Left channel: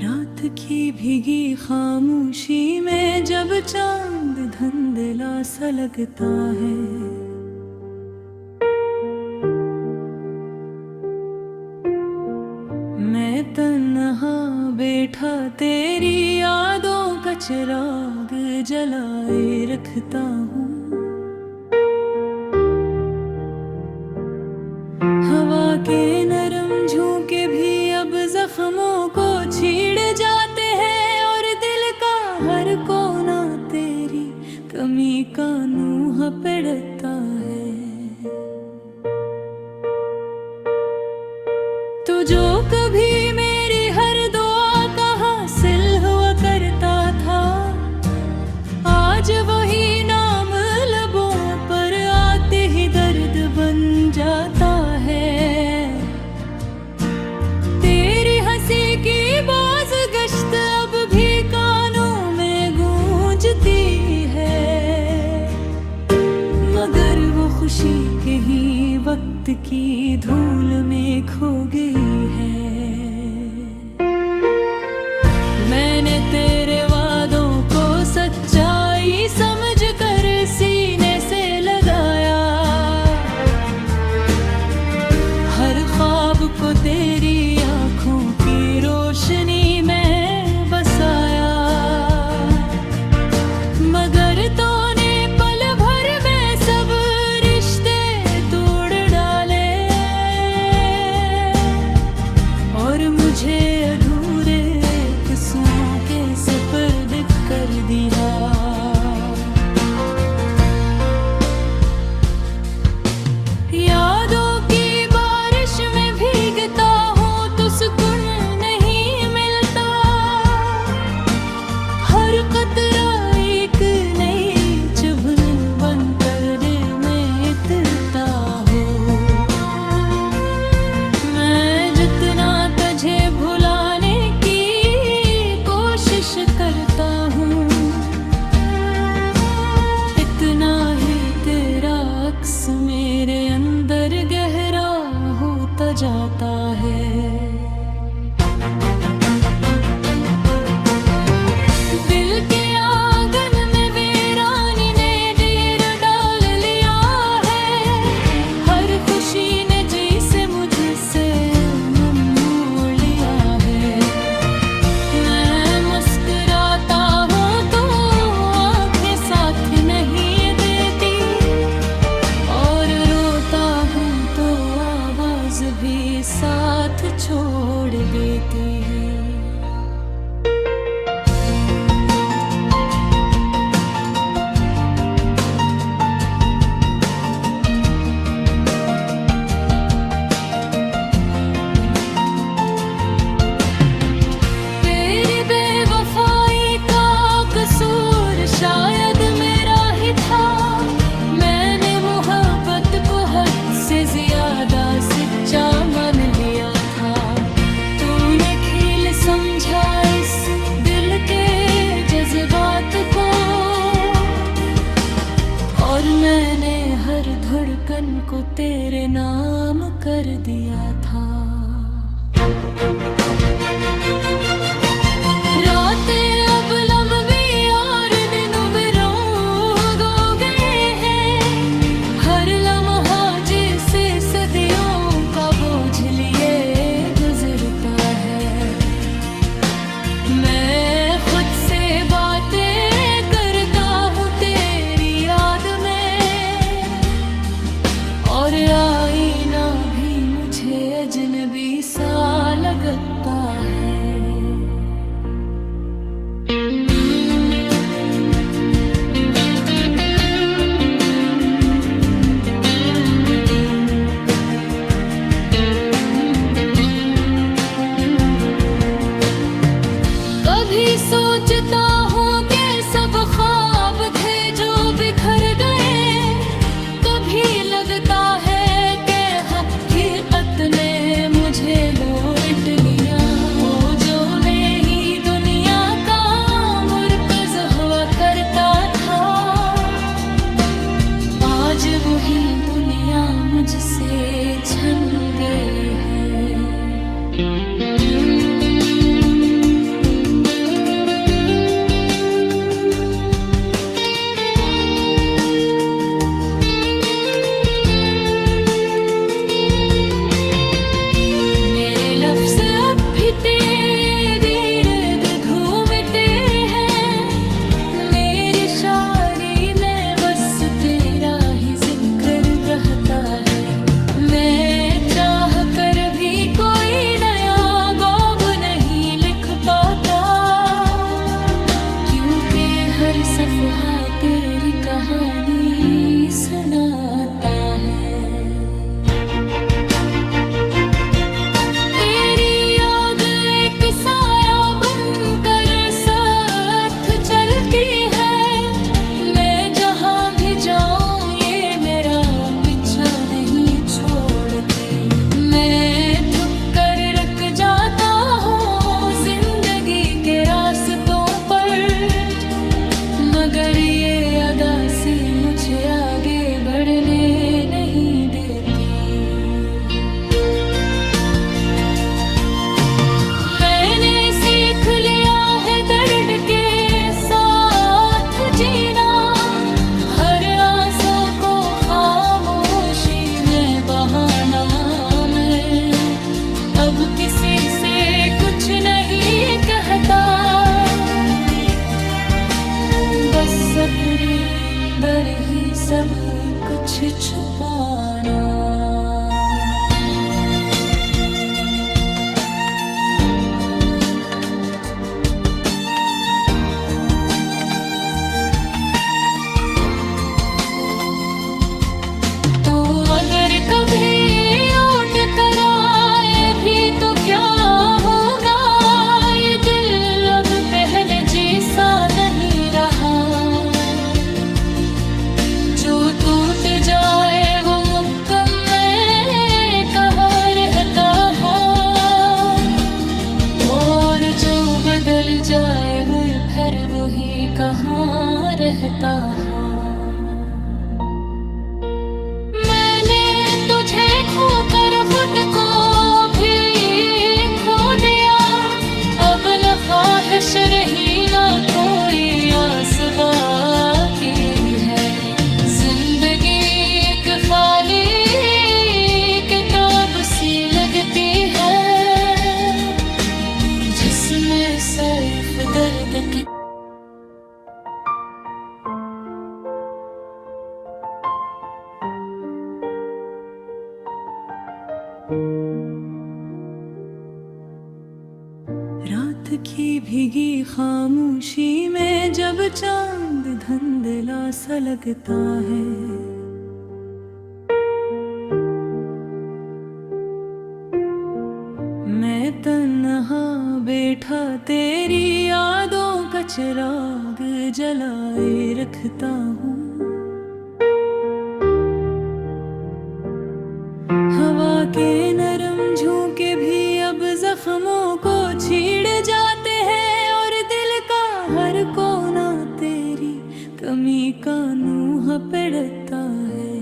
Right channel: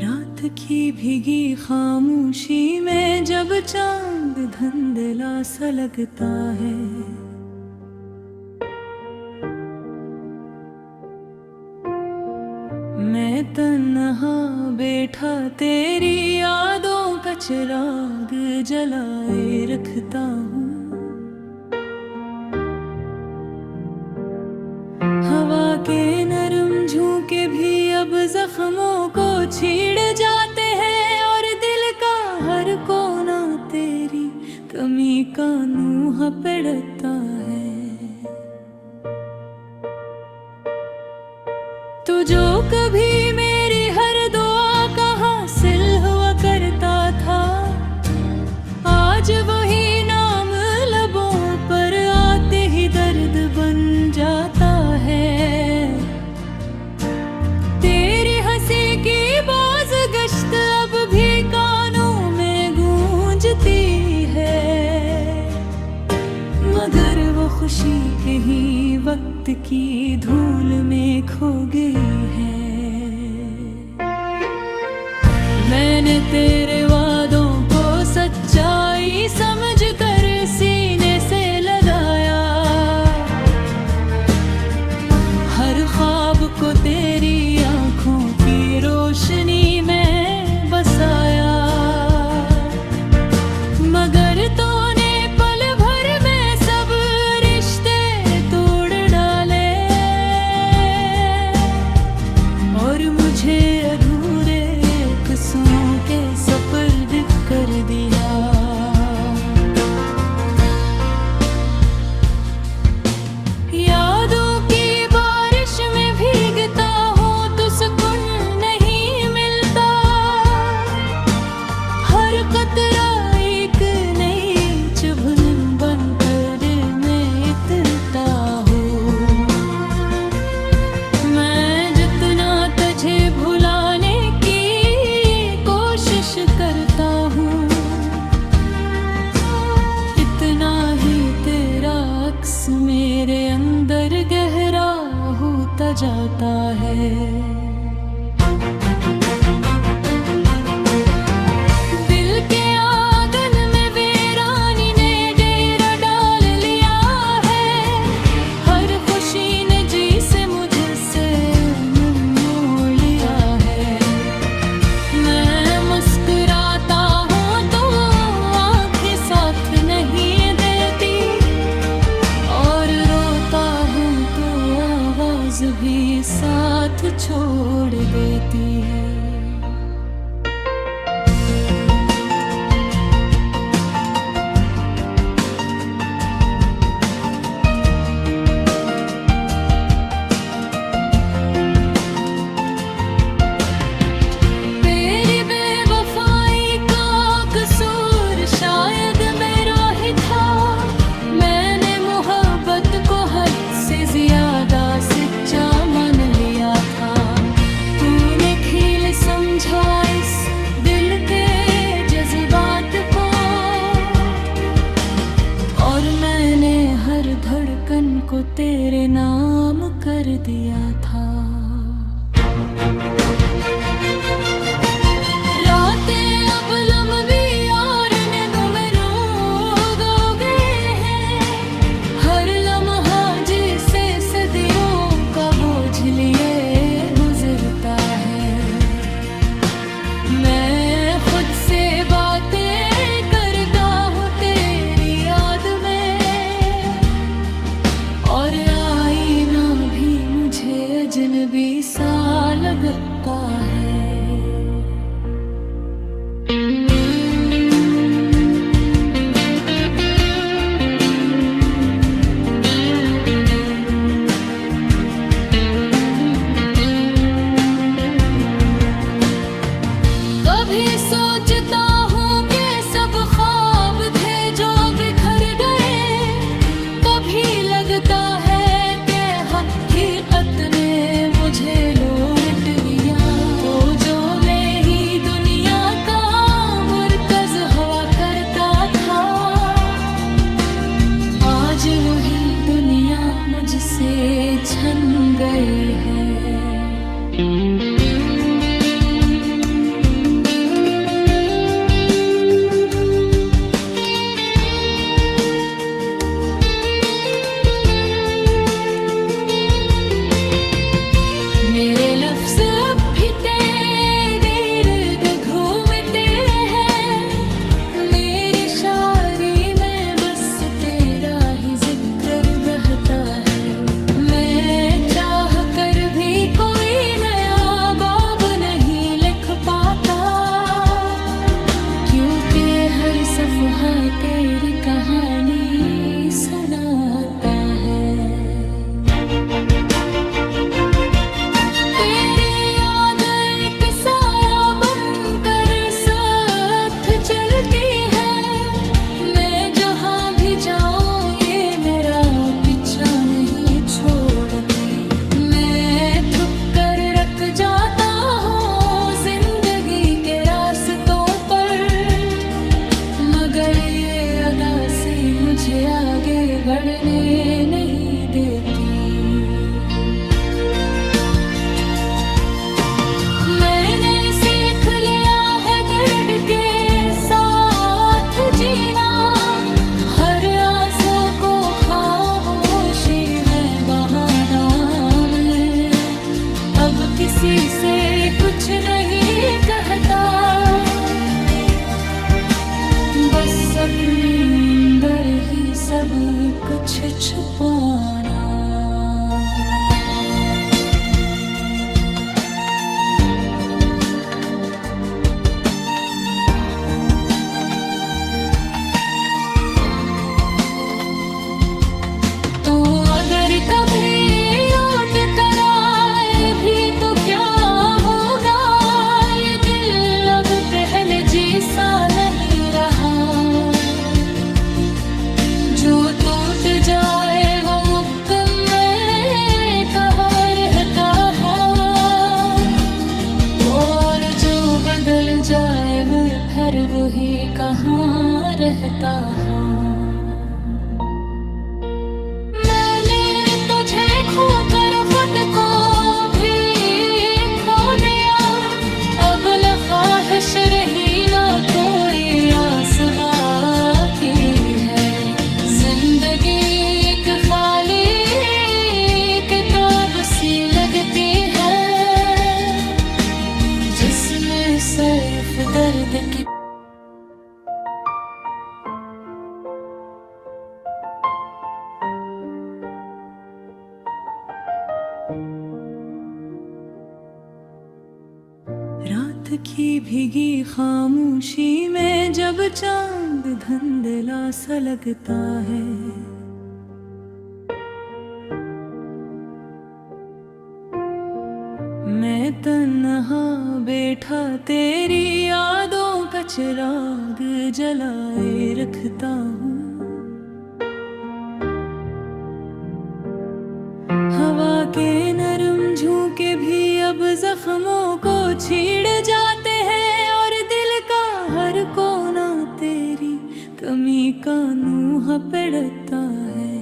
रात की भीगी खामोशी में जब चांद धुंधला सा लगता है, मैं तन्हा बैठा तेरी यादों का चिराग जलाए रखता हूँ। हवा के नरम झोंके भी अब जख्मों को छीड़ जाते हैं, और दिल का हर कोना तेरी कमी का नूह पड़ता है। तो जो कभी मेरी हर दुआ का हासिल हुआ करता था, आज वही नाम लबों पर आते ही दर्द बन जाता है। तेरी हंसी की बाज़गश्त अब भी कानों में गूंजती है, मगर वो खुशी कहीं वक्त की धूल में खो गई है। मैंने तेरे वादों को सच्चाई समझकर सीने से लगाया, हर ख्वाब को तेरी आँखों की रोशनी में बसाया, मगर तूने पल भर में सब रिश्ते तोड़ डाले, और मुझे अधूरे किस्सों के सपर्द कर दिया। यादों की बारिश में भीगता हूँ तो सुकून नहीं मिलता, हर कतरा एक नई चुभन बनकर दिल में इतरता हूँ। मैं जितना तुझे भुलाने की कोशिश करता हूँ, इतना ही तेरा अक्स मेरे अंदर गहरा होता जाता है। दिल के आंगन में वीरानी ने डेरा डाल लिया है, हर खुशी ने जी से मुझसे मन मोड़ लिया है। मैं मुस्कुराता हूँ तो आंखें साथ नहीं देती, और रोता हूँ तो आवाज भी साथ छोड़ देती है। तेरी बेवफाई का कसूर शायद मेरा ही था, मैंने मोहब्बत को हद से ज्यादा सच्चा मान लिया था। तूने खेल समझा इस दिल के जज्बात को, और मैंने हर धड़कन को तेरे नाम कर दिया था। रातें अब लंबी और दिन उम्रों हो गए हैं, हर लम्हा जिसे सदियों का बोझ लिए गुजरता है। मैं खुद से बातें करता हूँ तेरी याद में, और आईना भी मुझे अजनबी सा लगता है। कभी सोचता हूँ कि सब ख्वाब थे जो बिखर गए, कभी लगता है कि हकीकत ने मुझे लौट लिया। ओ मुझसे छन गई है। मेरे लफ्ज़ अब भी तेरे इर्द घूमते हैं, मेरी शायरी में बस तेरा ही जिक्र रहता है। मैं चाह कर भी कोई नया बाब नहीं लिख पाता, क्योंकि हर सफ़हा तेरी कहानी सुनाता है। मैं थक कर रख जाता हूँ जिंदगी के रास्तों पर, मगर ये अदा सी मुझे आगे बढ़ने नहीं देती। मैंने सीख लिया है दर्द के साथ जीना, हर आंसू को खामोशी में बहाना। मैं अब किसी से कुछ नहीं कहता, बस अपने अंदर ही सब कुछ छुपाना। तो अगर कभी लौट कर आए भी तो क्या होगा, ये दिल अब पहले जैसा नहीं रहा। जो टूट जाए वो मुकम्मल कहाँ रहता है, और जो बदल जाए वो फिर वही कहाँ रहता है। मैंने तुझे खोकर खुद को भी खो दिया, अब न ख्वाहिश रही ना कोई आस बाकी है। जिंदगी एक खाली किताब सी लगती है, जिसमें सिर्फ दर्द की रात की भीगी खामोशी में जब चांद धुंधला सा लगता है, मैं तन्हा बैठा तेरी यादों का चिराग जलाए रखता हूँ। हवा के नरम झोंके भी अब जख्मों को छीड़ जाते हैं, और दिल का हर कोना तेरी कमी का नूह पड़ता है।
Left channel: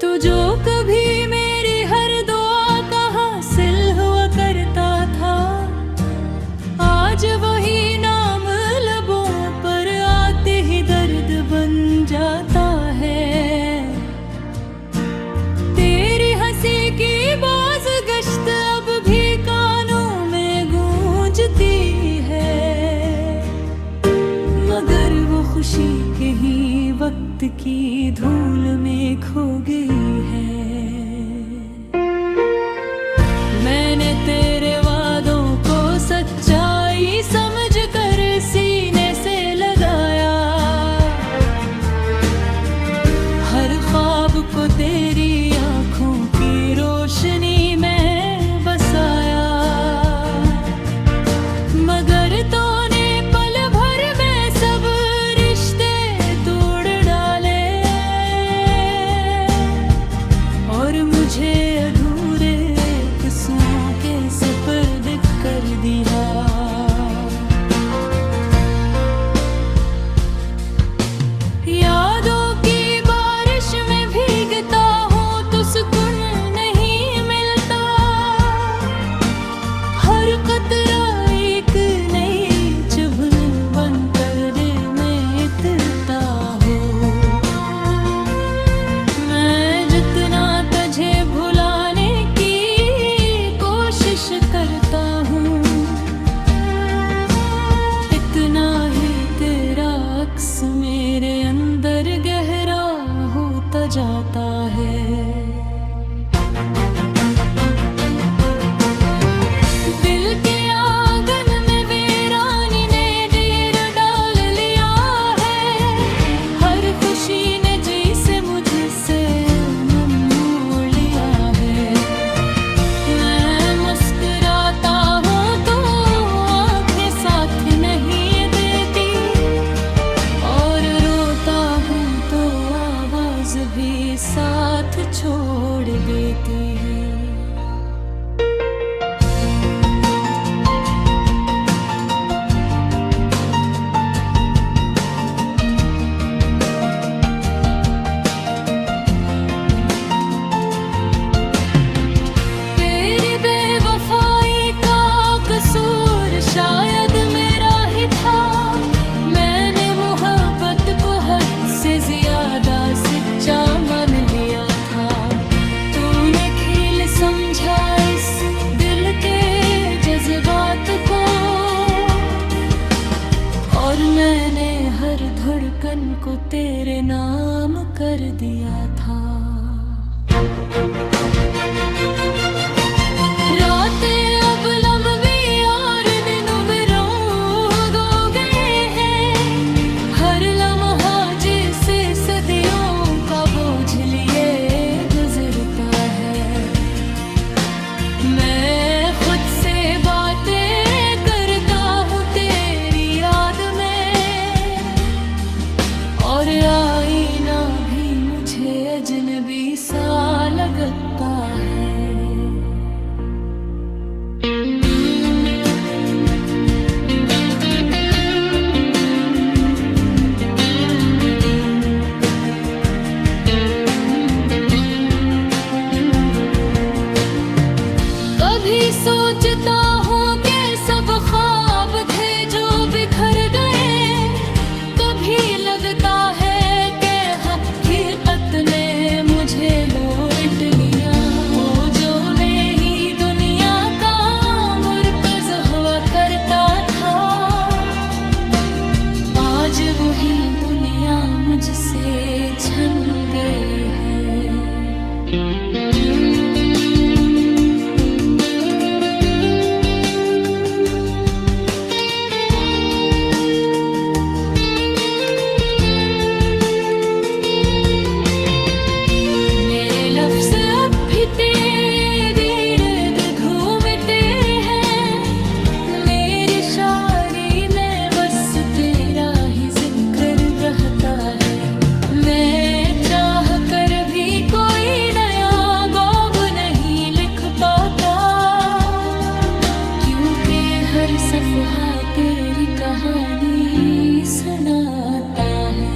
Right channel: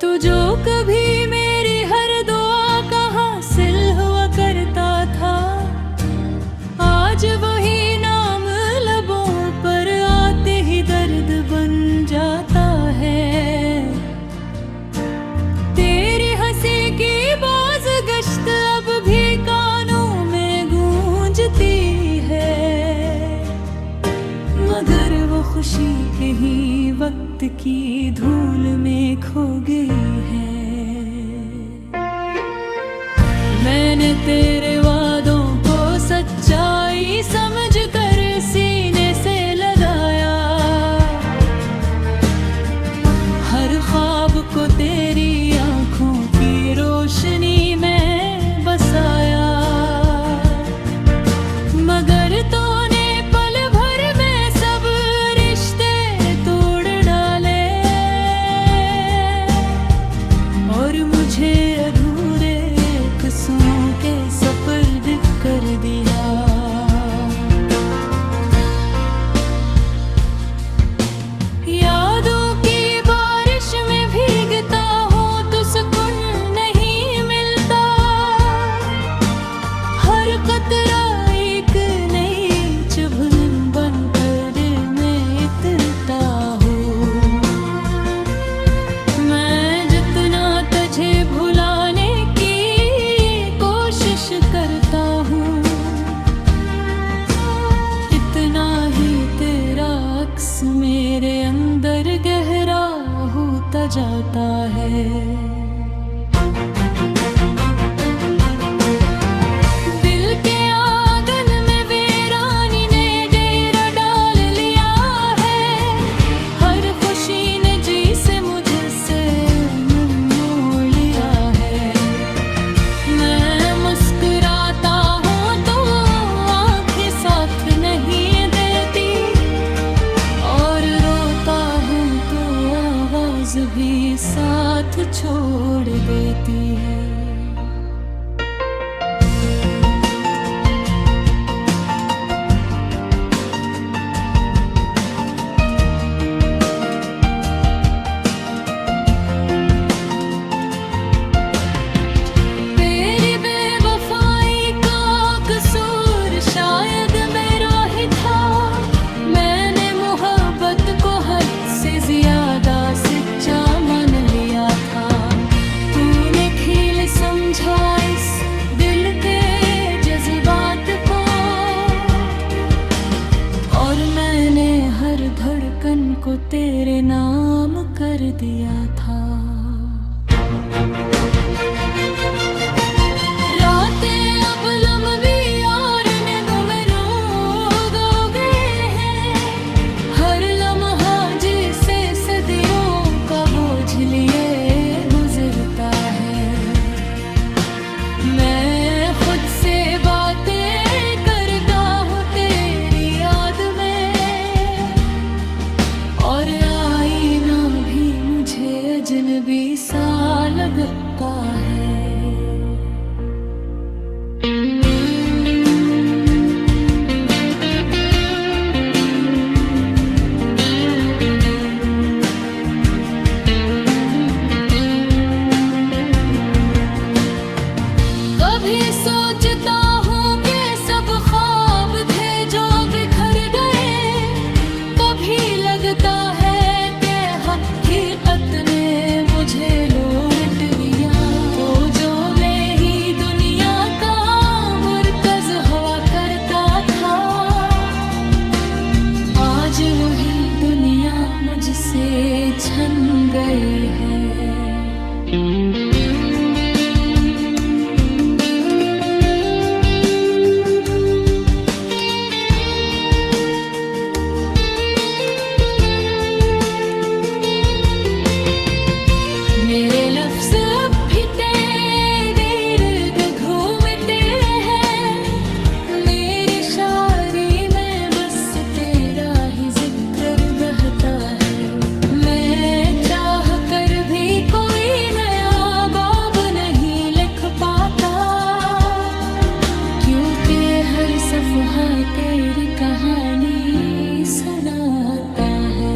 तो जो कभी मेरी हर दुआ का हासिल हुआ करता था, आज वही नाम लबों पर आते ही दर्द बन जाता है। तेरी हंसी की बाज़गश्त अब भी कानों में गूंजती है, मगर वो खुशी कहीं वक्त की धूल में खो गई है। मैंने तेरे वादों को सच्चाई समझ कर सीने से लगाया, हर ख्वाब को तेरी आंखों की रोशनी में बसाया, मगर तूने पल भर में सब रिश्ते तोड़ डाले, और मुझे अधूरे किस्सों के सपर्द कर दिया। यादों चाहता हूँ, इतना ही तेरा अक्स मेरे अंदर गहरा होता जाता है। भी साथ छोड़ देती है। तेरी बेवफाई का कसूर शायद मेरा ही था, मैंने मोहब्बत को हद से ज्यादा सच्चा मान लिया था। तूने खेल समझा इस दिल के जज्बात को, और मैंने हर धड़कन को तेरे नाम कर दिया था। रातें अब लंबी और दिनों में रोग हो गए हैं, हर लम्हा जिसे सदियों का बोझ लिए गुजरता है। मैं खुद से बातें करता हूँ तेरी याद में, और आईना भी मुझे अजनबी सा लगता है। मुझे लौट लिया, वो जो मैं ही दुनिया का मुर्कज़ हुआ करता था, आज वही दुनिया मुझसे छन गई है। लफ्ज़ अब भी तेरे इर्द घूमते हैं, मेरी शायरी में बस तेरा ही जिक्र रहता है। मैं चाह कर भी कोई नया बाब नहीं लिख पाता, क्योंकि हर सफ़हा तेरी कहानी सुनाता है।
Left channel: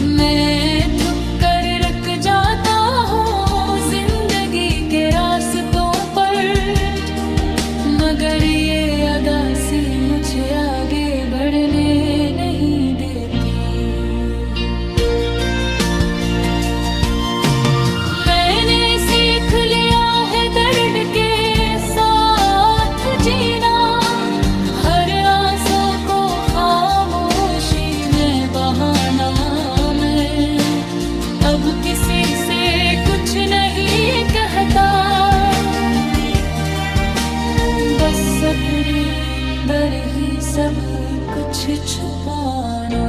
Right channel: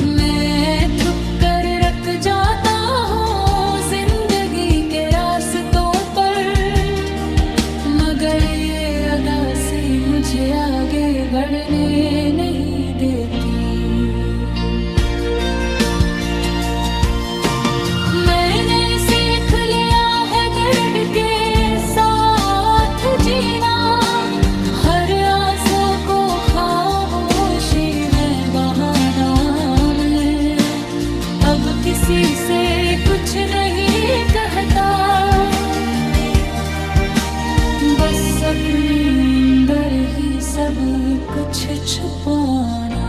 मैं थक कर रख जाता हूँ जिंदगी के रास्तों पर, मगर ये अदासी मुझे आगे बढ़ने नहीं देती। मैंने सीख लिया है दर्द के साथ जीना, हर आंसू को खामोशी में बहाना। अब किसी से कुछ नहीं कहता, बस अपने अंदर ही सब कुछ छुपाना।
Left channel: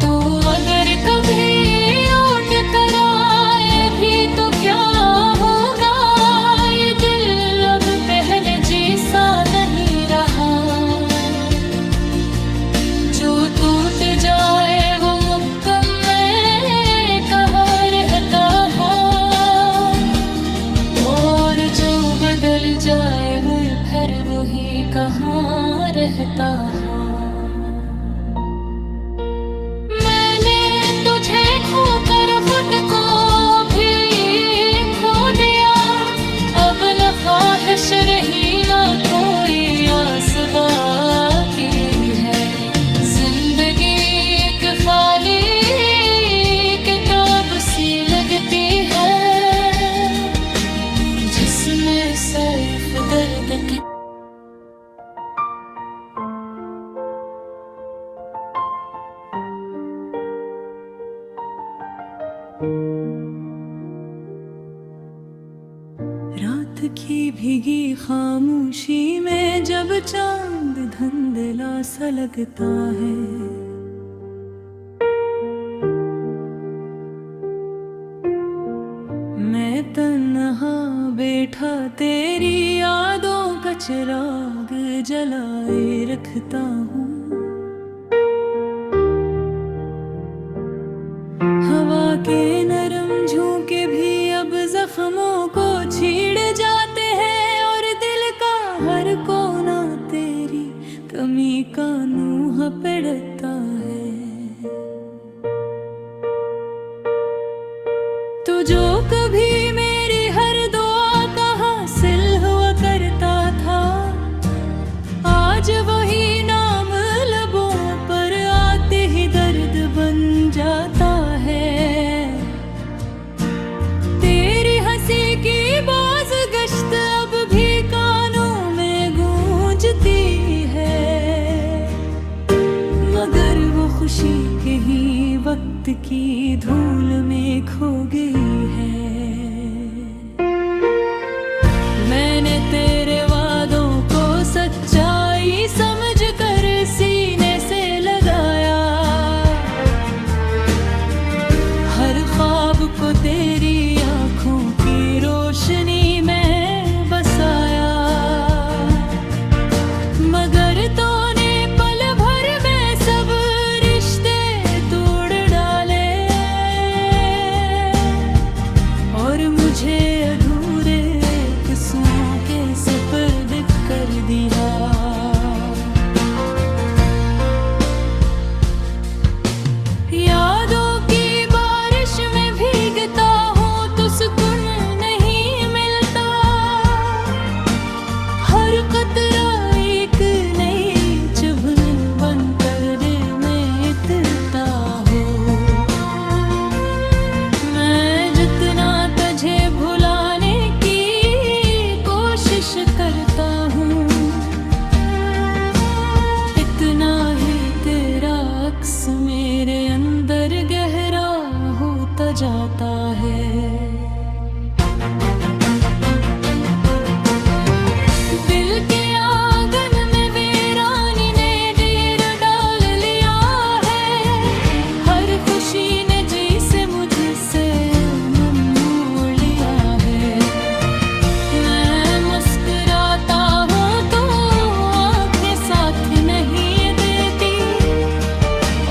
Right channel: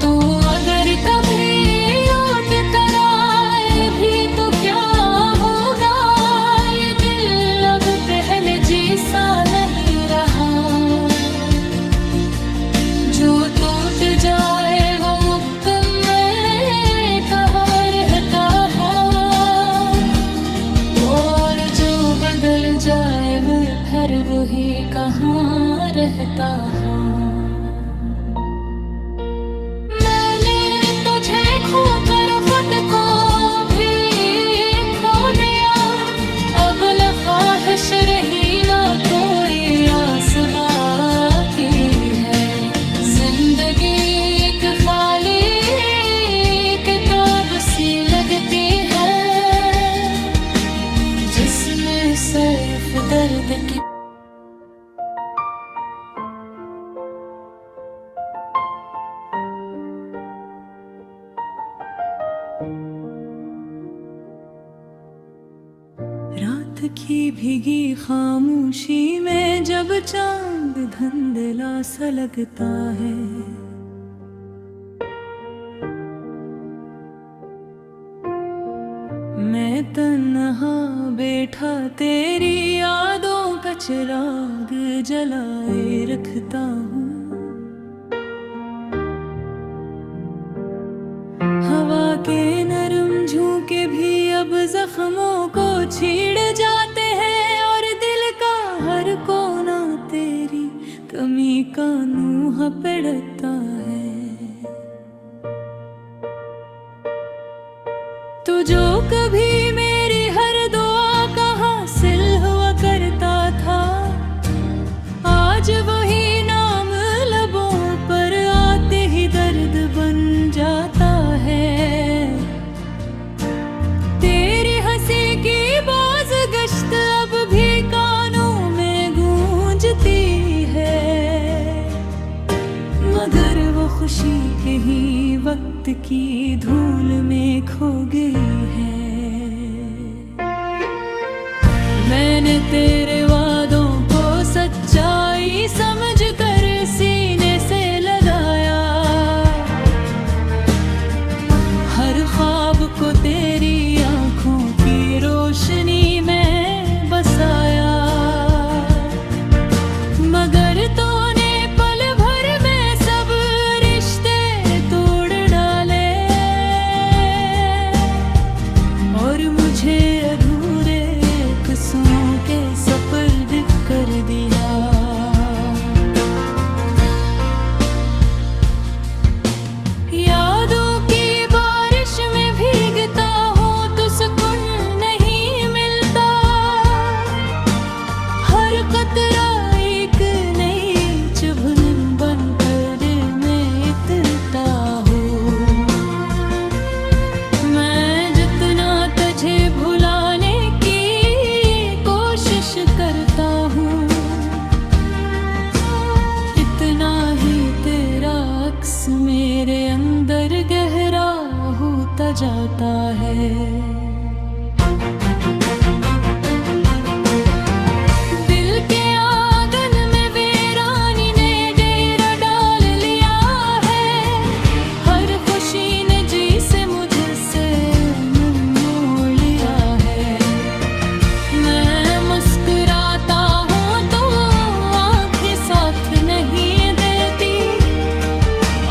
तो अगर कभी जो टूट जाए वो मुकम्मल वही कहाँ रहता है। मैंने तुझे खोकर खुद को भी खो दिया, अब न ख्वाहिश रही ना कोई आस बाकी है। जिंदगी एक खाली किताब सी लगती है, जिसमें सिर्फ दर्द की रात की भीगी खामोशी में जब चांद धुंधला सा लगता है, मैं तन्हा बैठा तेरी यादों का चिराग जलाए रखता हूँ। हवा के नरम झोंके भी अब जख्मों को छीड़ जाते हैं, और दिल का हर कोना तेरी कमी का नूह पड़ता है। तू जो कभी मेरी हर दुआ का हासिल हुआ करता था, आज वही नाम लबों पर आते ही दर्द बन जाता है। तेरी हंसी की बाज गश्त अब भी कानों में गूंजती है, मगर वो खुशी कहीं वक्त की धूल में खो गई है। मैंने तेरे वादों को सच्चाई समझ कर सीने से लगाया, हर ख्वाब को तेरी आंखों की रोशनी में बसाया, मगर तूने पल भर में सब रिश्ते तोड़ डाले, और मुझे अधूरे किस्सों के सपर्द कर दिया। यादों की बारिश में भीगता हूँ तो सुकून नहीं मिलता, हर कतरा एक नई चुभन बनकर दिल में इतरता हूँ। मैं जितना तुझे भुलाने की कोशिश करता हूँ, इतना ही तेरा अक्स मेरे अंदर गहरा होता जाता है। दिल के आंगन में वीरानी ने डेरा डाल लिया है, हर खुशी ने जी से मुझसे मन मोड़ लिया है। मैं मुस्कुराता हूँ तो आंखें साथ नहीं देती,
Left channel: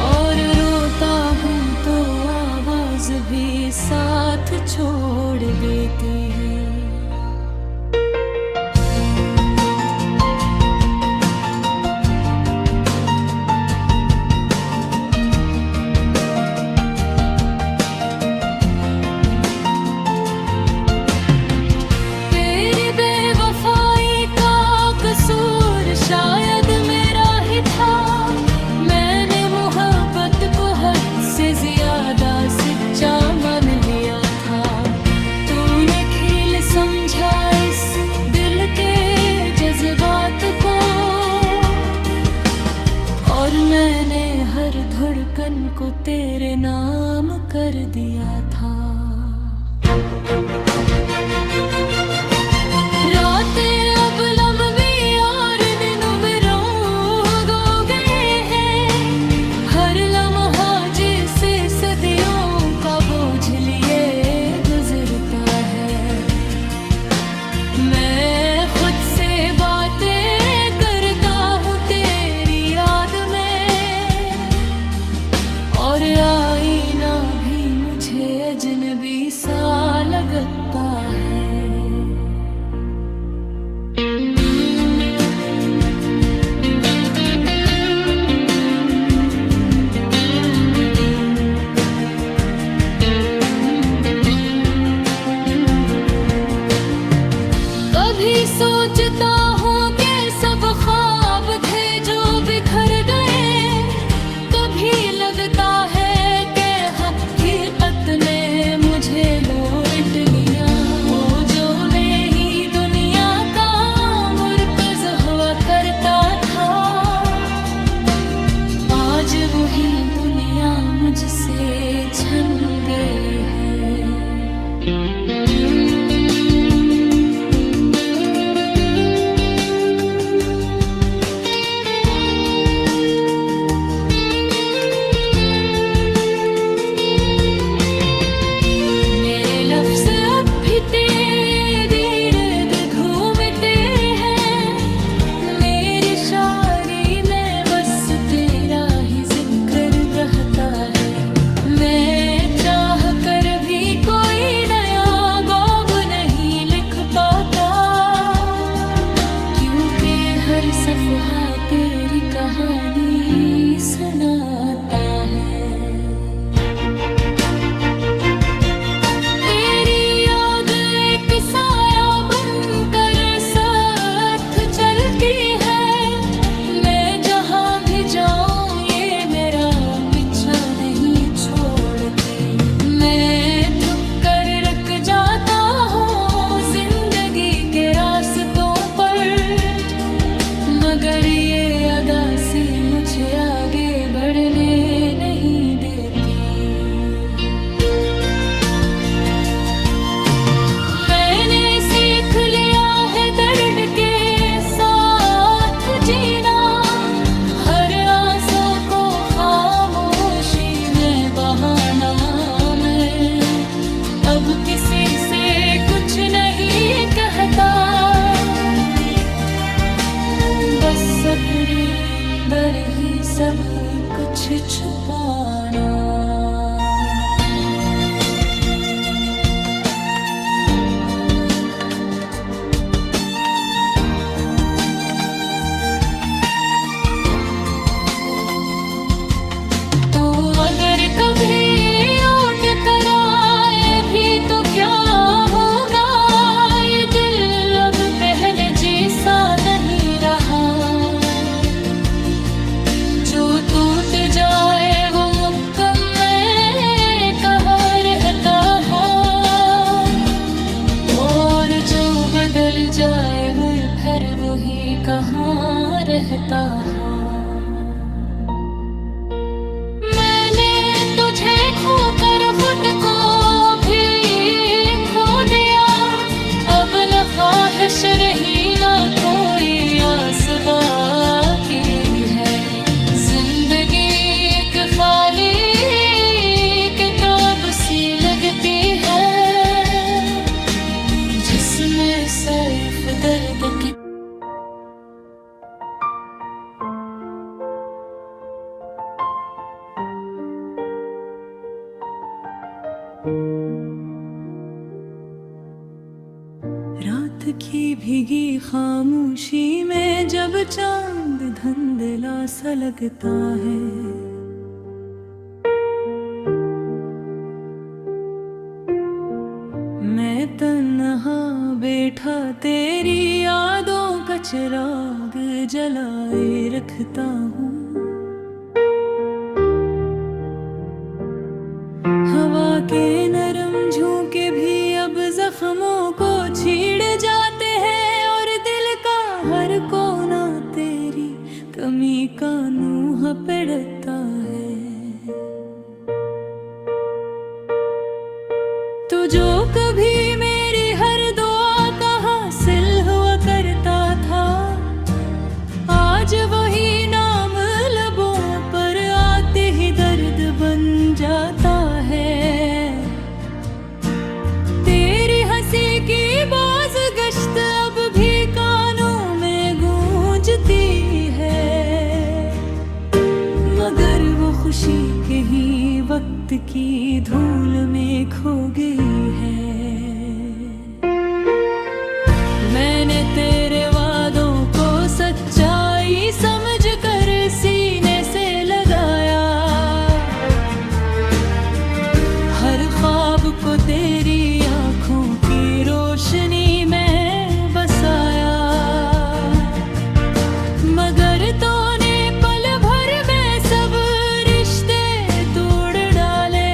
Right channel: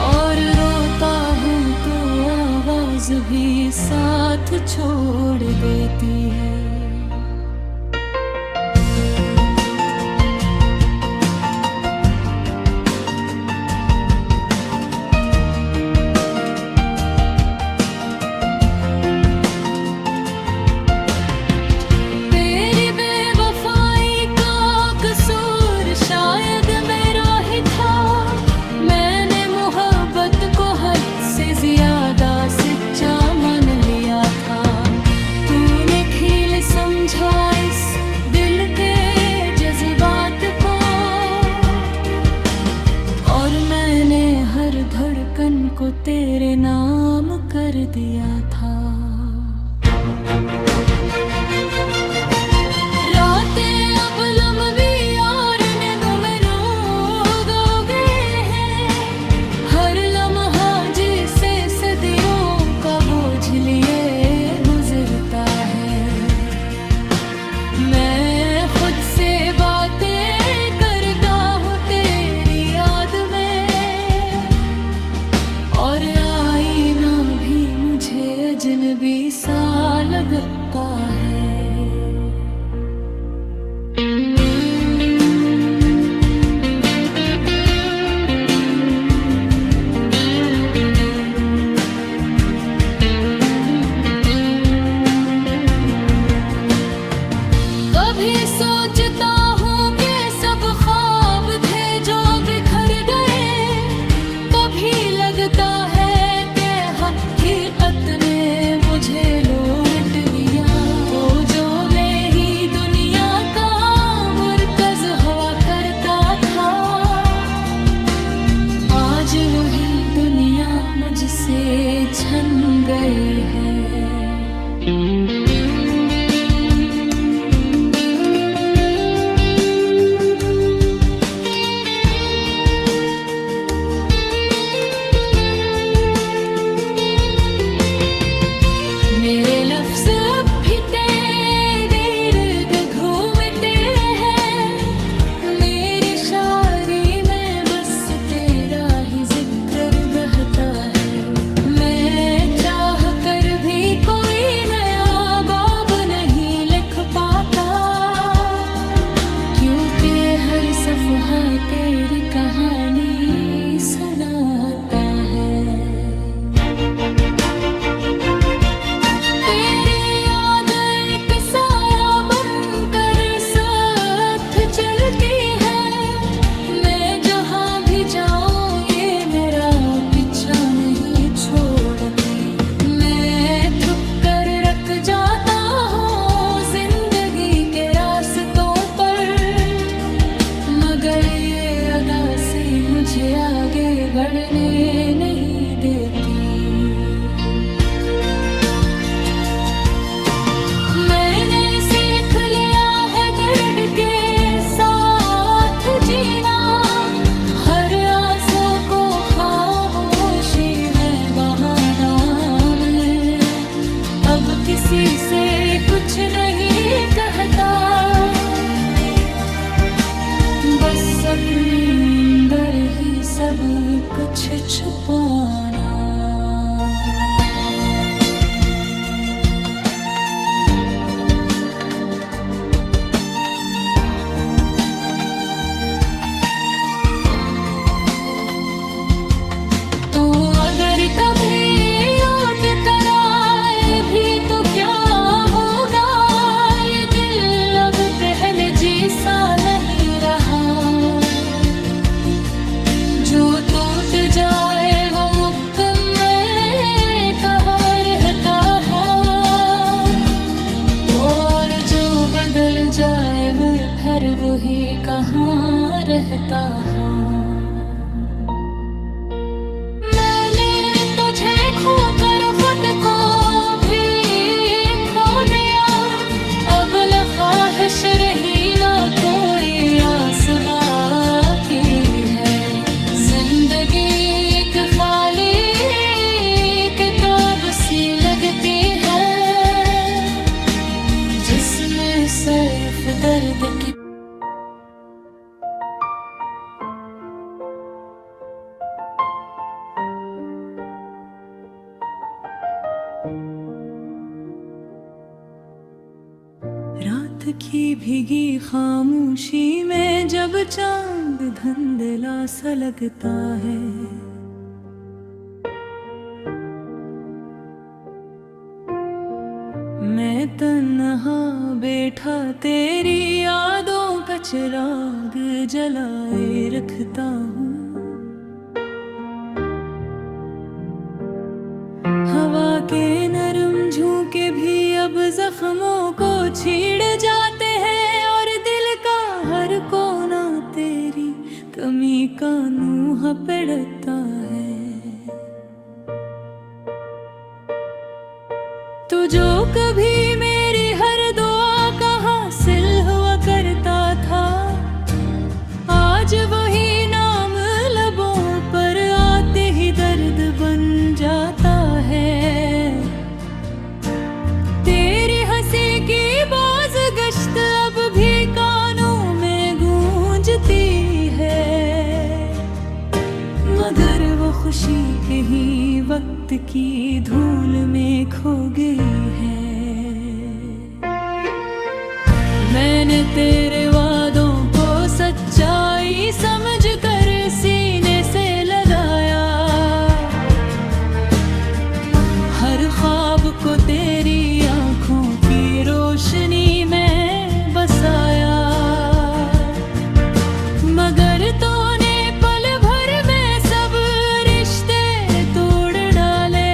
और रोता हूँ तो आवाज भी साथ छोड़ देती है। तेरी बेवफाई का कसूर शायद मेरा ही था, मैंने मोहब्बत को हद से ज्यादा सच्चा मान लिया था। तूने खेल समझा इस दिल के जज्बात को, और मैंने हर धड़कन को तेरे नाम कर दिया था। रातें अब लंबी और दिनों में रोग हो गए हैं, हर लम्हा जिसे सदियों का बोझ लिए गुजरता है। मैं खुद से बातें करता हूँ तेरी याद में, और आईना भी मुझे अजनबी सा लगता है। करता था। आज वही दुनिया मुझसे छन गई है। मेरे लफ्ज़ अब भी तेरे इर्द घूमते हैं। मेरी शायरी में बस तेरा ही जिक्र रहता है। मैं चाह कर भी कोई नया बाब नहीं लिख पाता, क्योंकि हर सफ़हा तेरी कहानी सुनाता है। मैं थक कर रख जाता हूँ जिंदगी के रास्तों पर, मगर ये अदासी मुझे आगे बढ़ने नहीं देती। मैंने सीख लिया है दर्द के साथ जीना, हर आंसू को खामोशी में बहाना। मैं अब किसी से कुछ नहीं कहता, बस अपने अंदर ही सब कुछ छुपाना। तो अगर कभी लौट कर आए भी तो क्या होगा, ये दिल अब पहले जैसा नहीं रहा। जो टूट जाए वो मुकम्मल कहाँ रहता है, और जो बदल जाए वो फिर वही कहाँ रहता है। मैंने तुझे खोकर खुद को भी खो दिया, अब न ख्वाहिश रही ना कोई आस बाकी है। जिंदगी एक खाली किताब सी लगती है, जिसमें सिर्फ दर्द की रात की भीगी खामोशी में जब चांद धुंधला सा लगता है, मैं तन्हा बैठा तेरी यादों का चिराग जलाए रखता हूँ। हवा के नरम झोंके भी अब जख्मों को छीड़ जाते हैं, और दिल का हर कोना तेरी कमी का नूह पड़ता है। तो जो कभी मेरी हर दुआ का हासिल हुआ करता था, आज वही नाम लबों पर आते ही दर्द बन जाता है। तेरी हंसी की बाज़गश्त अब भी कानों में गूंजती है, मगर वो खुशी कहीं वक्त की धूल में खो गई है। मैंने तेरे वादों को सच्चाई समझ कर सीने से लगाया, हर ख्वाब को तेरी आंखों की रोशनी में बसाया, मगर तूने पल भर में सब रिश्ते तोड़ डाले,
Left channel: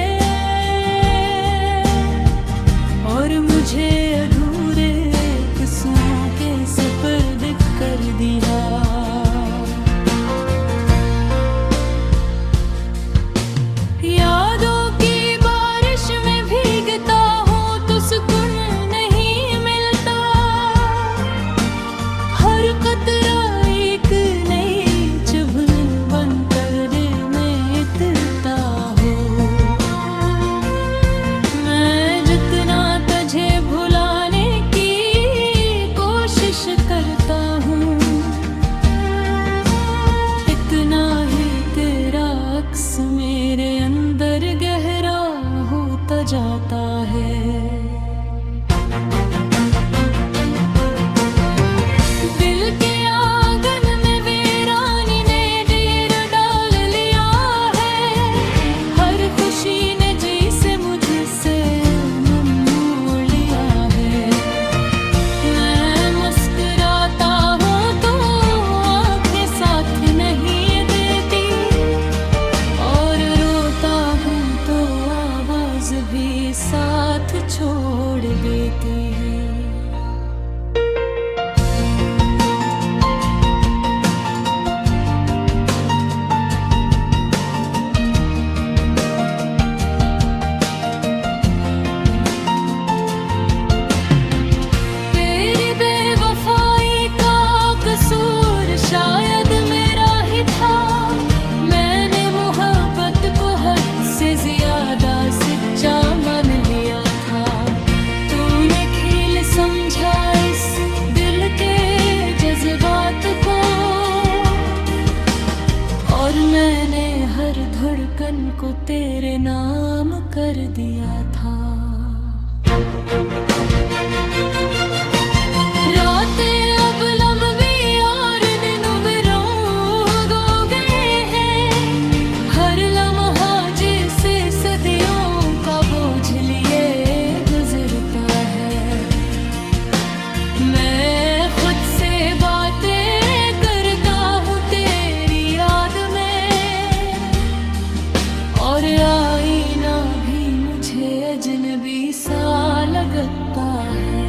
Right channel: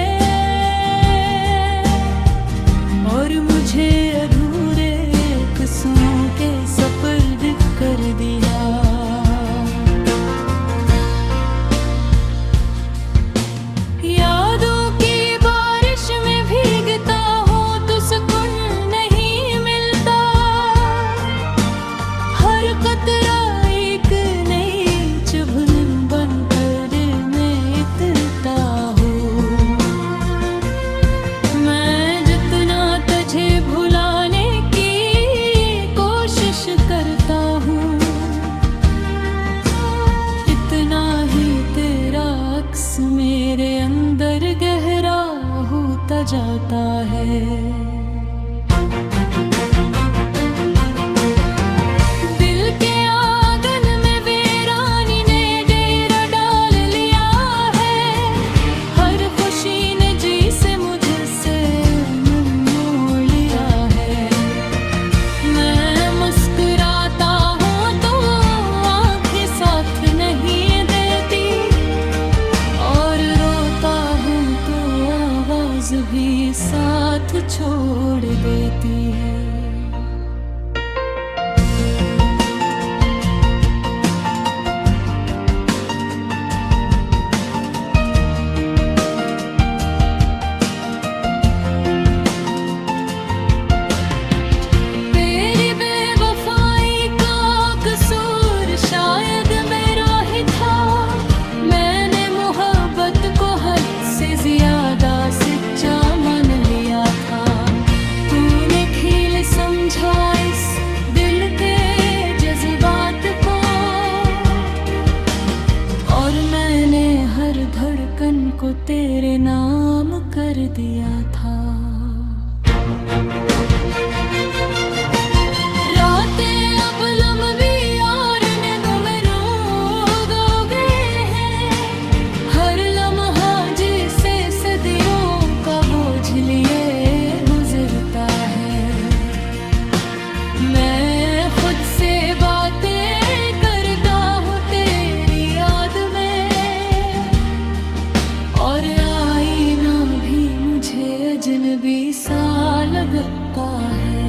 और मुझे अधूरे किस्सों के सपर्द कर दिया। अक्स मेरे अंदर गहरा होता जाता है। दिल के आंगन में वीरानी ने डेरा डाल लिया है। हर खुशी ने जी से मुझसे मन मोड़ लिया है। मैं मुस्कुराता हूँ तो आंखें साथ नहीं देती, और रोता हूँ तो आवाज भी साथ छोड़ देती है। तेरी बेवफाई का कसूर शायद मेरा ही था। मैंने मोहब्बत को हद से ज्यादा सच्चा मान लिया था। तूने खेल समझा इस दिल के जज्बात को, और मैंने हर धड़कन को तेरे नाम कर दिया था। रातें अब लंबी और दिनों में रोग हो गए हैं। हर लम्हा जिसे सदियों का बोझ लिए गुजरता है। मैं खुद से बातें करता हूँ तेरी याद में, और आईना भी मुझे अजनबी सा लगता है।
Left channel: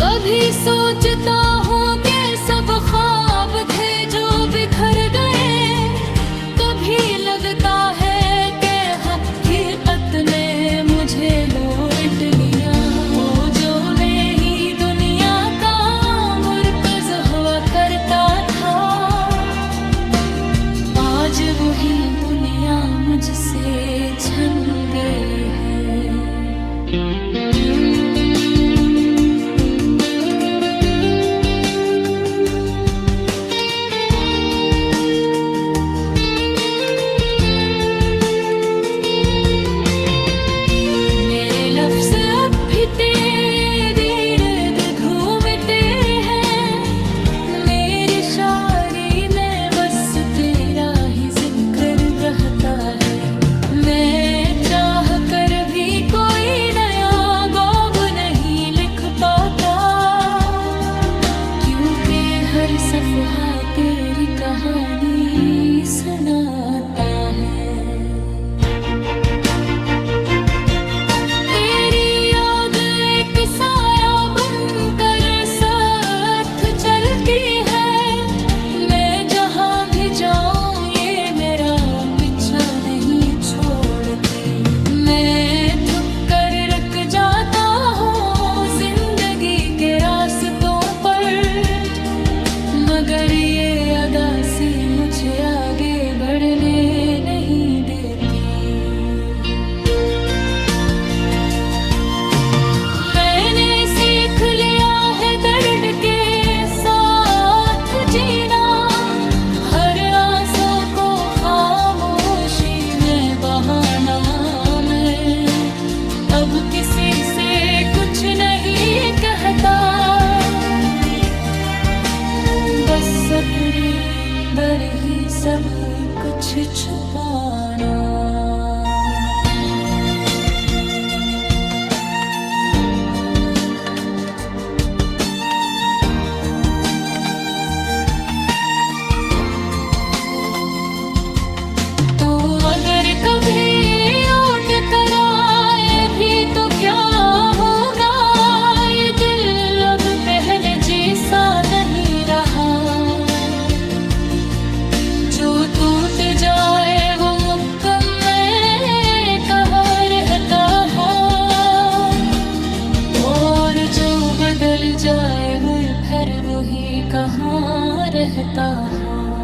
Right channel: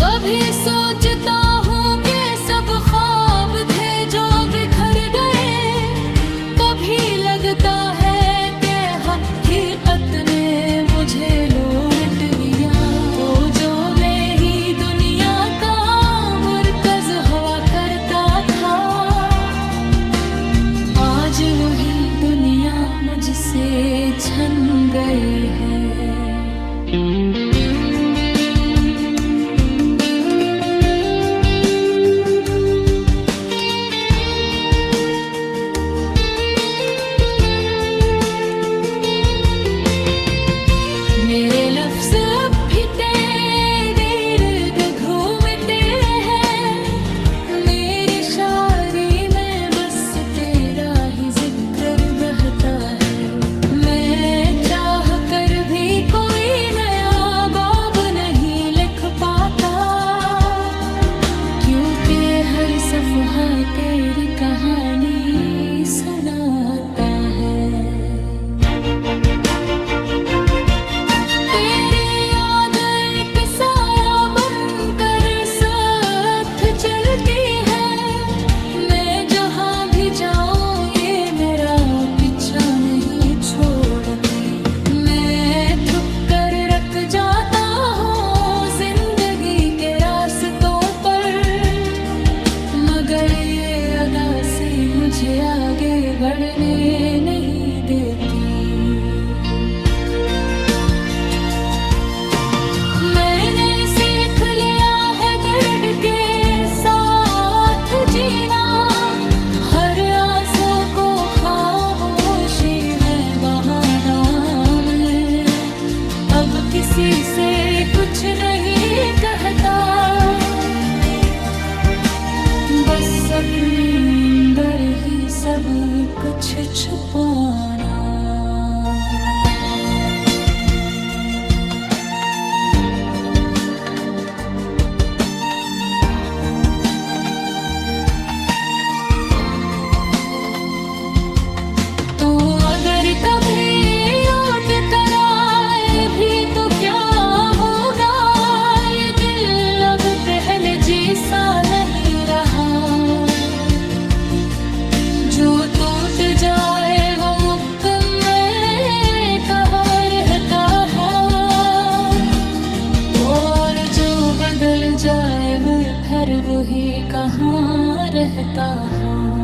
कभी सोचता हूँ कि सब ख्वाब थे जो बिखर गए। कभी लगता है कि हकीकत ने मुझे लौट लिया। वो जो मैं ही दुनिया का मुर्कज़ हुआ करता था, आज वही दुनिया मुझसे छन गई है। मेरे लफ्ज़ अब भी तेरे इर्द घूमते हैं। मेरी शायरी में बस तेरा ही जिक्र बहता है। मैं चाह कर भी कोई नया बाब नहीं लिख पाता, क्योंकि हर सफ़हा तेरी कहानी सुनाता है। मैं थक कर रख जाता हूँ जिंदगी के रास्तों पर, मगर ये अदासी मुझे आगे बढ़ने नहीं देती। मैंने सीख लिया है दर्द के साथ जीना। हर आंसू को खामोशी में बहाना। अब किसी से कुछ नहीं कहता, बस अपने अंदर ही सब कुछ छुपाना। तो अगर कभी लौट कर आए भी तो क्या होगा, ये दिल अब पहले जैसा नहीं रहा। जो टूट जाए वो मुकम्मल कहाँ रहता है, और जो बदल जाए वो फिर वही कहाँ रहता है।